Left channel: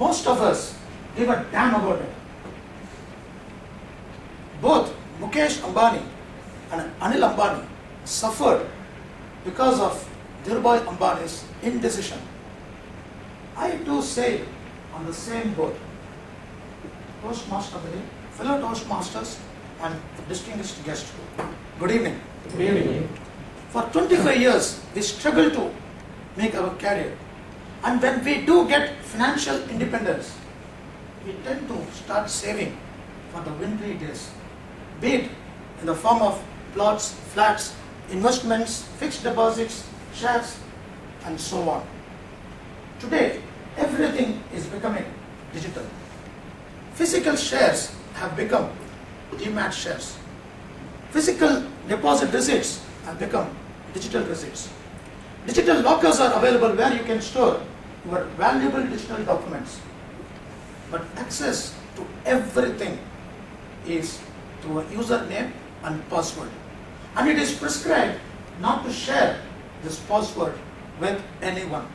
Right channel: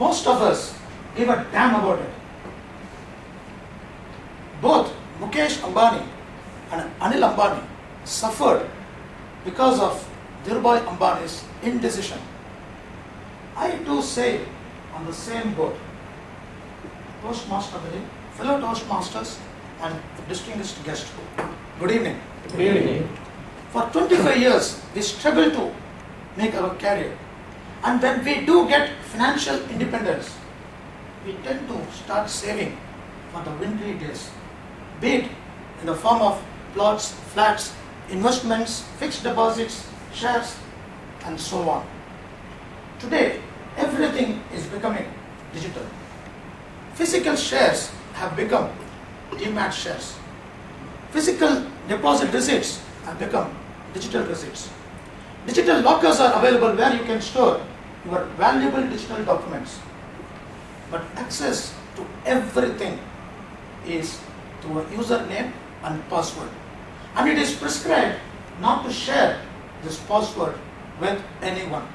most of us give a damn about it. Both Mukesh Ambani and Anil Ambani suffered because of Dhirubhai Ambani's indecision. I too sail on the same boat. Toastmaster of the day, fellow Toastmasters and distinguished guests. Good evening. Good evening. For 25 years, we struggle to make our career. And when we do get financial independence, we tend to start saving for the wintry days, be it in the form of plots, flats, investments, fixed deposits, shares, and so on. Today, everything is becoming digital. Physical shares have become demat shares. Physical deposit receipts have become digital receipts. Digital lockers are available where you can store your valuable digital documents. But access to everything is through a username and password. And it is prescribed not to share this password with anyone.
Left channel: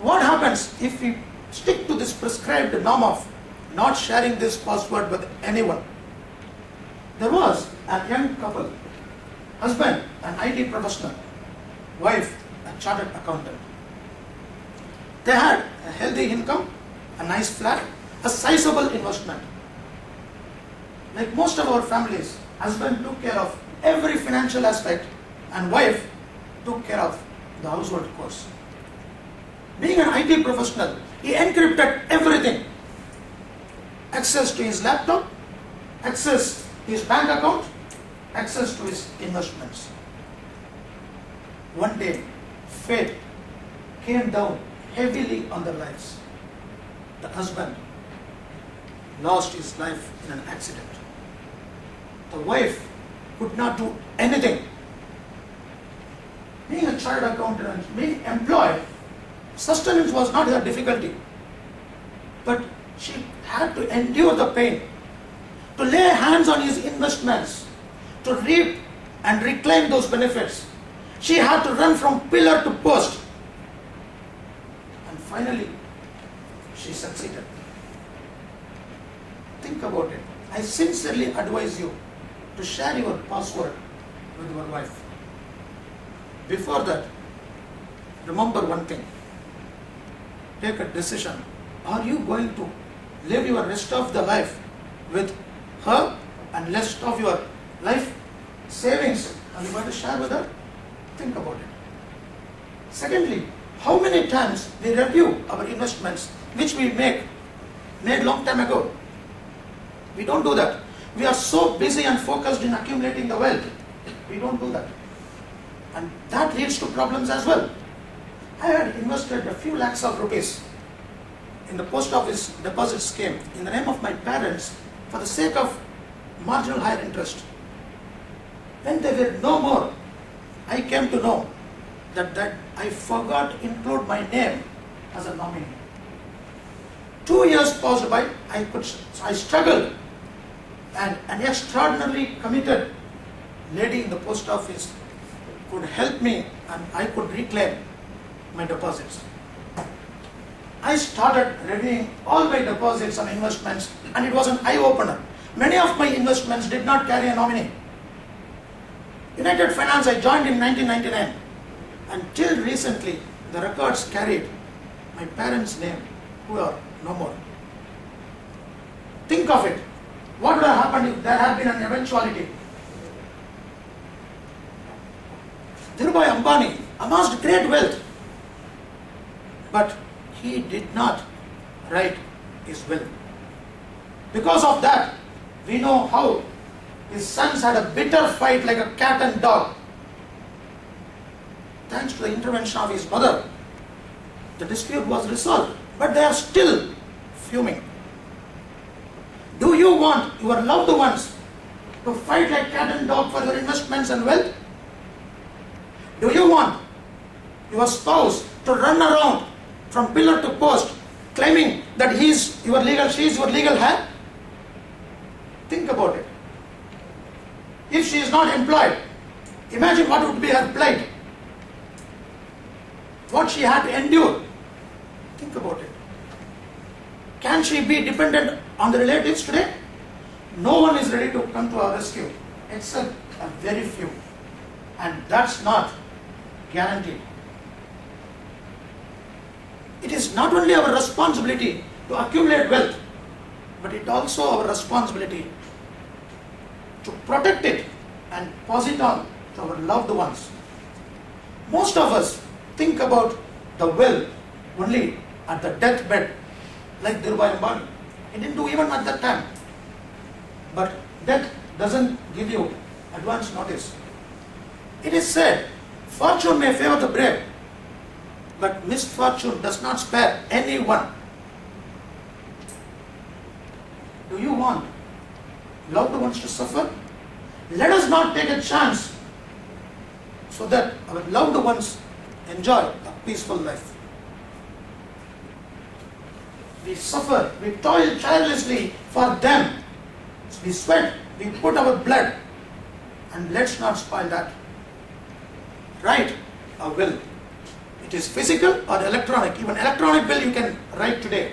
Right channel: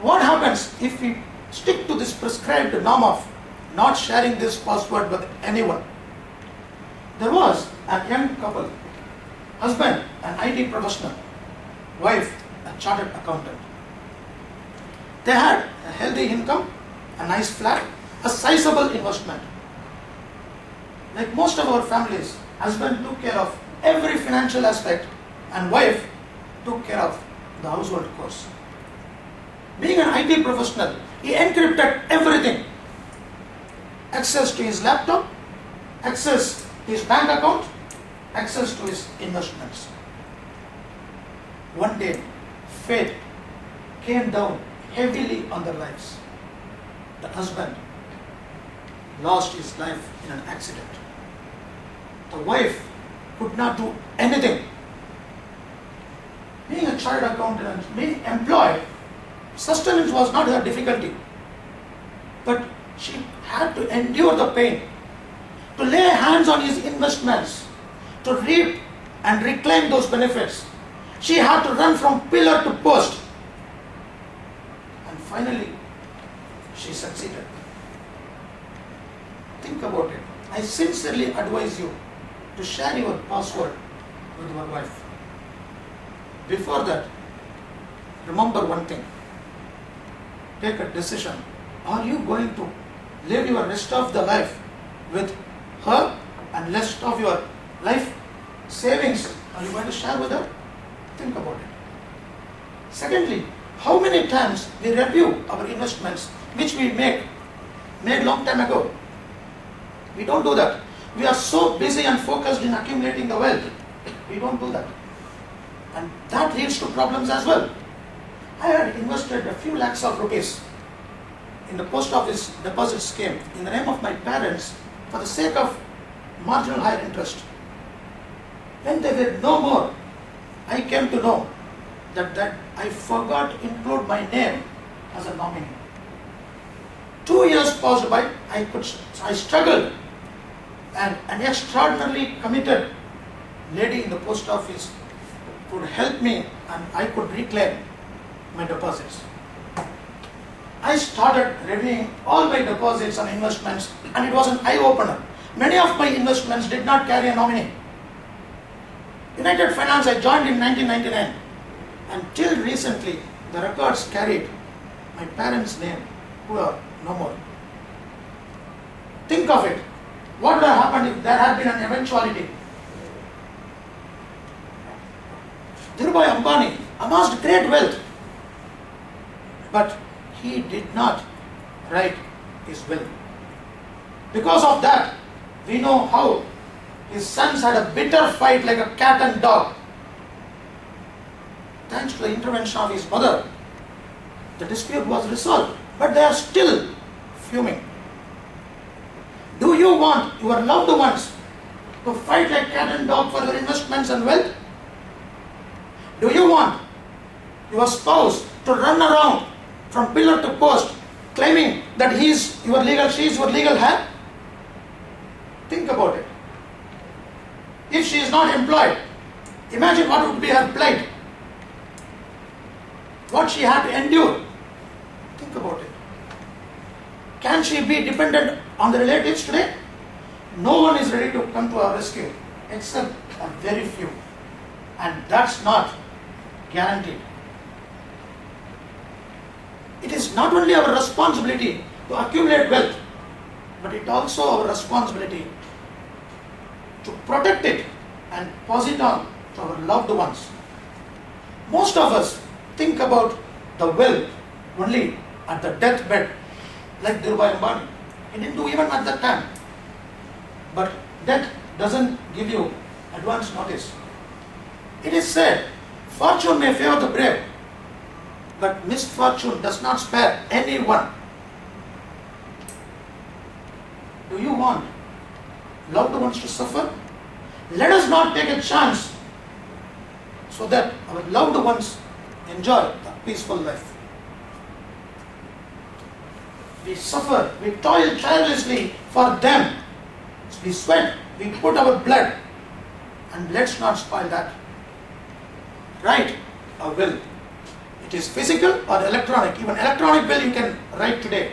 What happens if we stick to this prescribed norm of not sharing this password with anyone? There was a young couple, husband an IT professional, wife a chartered accountant. They had a healthy income, a nice flat, a sizable investment. Like most of our families, husband took care of every financial aspect and wife took care of the household chores. Being an IT professional, he encrypted everything. Access to his laptop, access to his bank account, access to his investments. One day, fate came down heavily on their lives. The husband lost his life in an accident. The wife could not do anything. Being a chartered accountant and being employed, sustenance was not her difficulty. But she had to endure the pain, to lay hands on his investments, to reap and reclaim those benefits. She had to run from pillar to post. And finally, she succeeded. Think about it. I sincerely advise you to share your password with your wife. Before that, remember one thing. Take a decision. Are you going to live your rest of the life with her and rest of your life savings? Are you going to share with her? Think about it. Secondly, how many times we review our investments which we made long time ago? We don't do that. We are so busy and focused in accumulating the wealth. We don't do that. And that leads to problems as well. I had invested a few lakhs of rupees in the post office deposit scheme in the name of my parents for the sake of marginal higher interest. When they were no more, I came to know that I forgot to include my name as a nominee. 2 years passed by, I struggled, and an extraordinarily committed lady in the post office could help me and I could reclaim my deposits. I started reviewing all my deposits and investments, and it was an eye-opener. Many of my investments did not carry a nominee. United Finance I joined in 1999. Until recently, the records carried my parents' name, who are no more. Think of it. What would have happened if there had been an eventuality? Dhirubhai Ambani amassed great wealth, but he did not write his will. Because of that, we know how his sons had a bitter fight like a cat and dog. Thanks to the intervention of his mother, the dispute was resolved, but they are still fuming. Do you want your loved ones to fight like cat and dog for your investments and wealth? Do you want your spouse to run around from pillar to post claiming that she is your legal heir? Think about it. If she is not employed, imagine what would be her plight. What she had to endure. Think about it. Can she be dependent on the relatives today? No one is ready to come to our rescue except a very few. And that's not guaranteed. It is not only our responsibility to accumulate wealth, but it also our responsibility to protect it and pass it on to our loved ones. Most of us think about the will only at the deathbed, like Dhirubhai Ambani. He didn't do even at that time. But death doesn't give you advance notice. It is said, fortune may favor the brave, but misfortune does not spare anyone. Do you want loved ones to suffer? Let us not take a chance so that our loved ones enjoy a peaceful life. We suffer, we toil tirelessly for them. We sweat, we put our blood, and let's not spoil that. Write a will. It is physical or electronic. Even electronic will you can write today.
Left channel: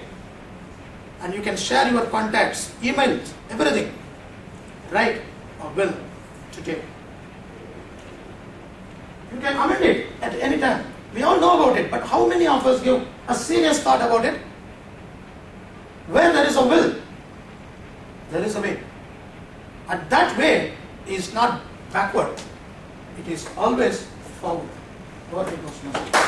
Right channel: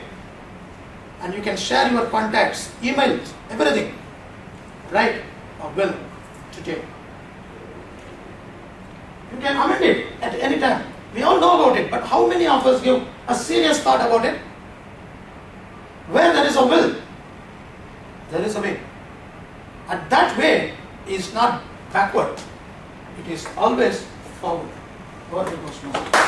And you can share your contacts, emails, everything. Write a will today. You can amend it at any time. We all know about it, but how many of us give a serious thought about it? Where there is a will, there is a way. And that way is not backward. It is always forward. God will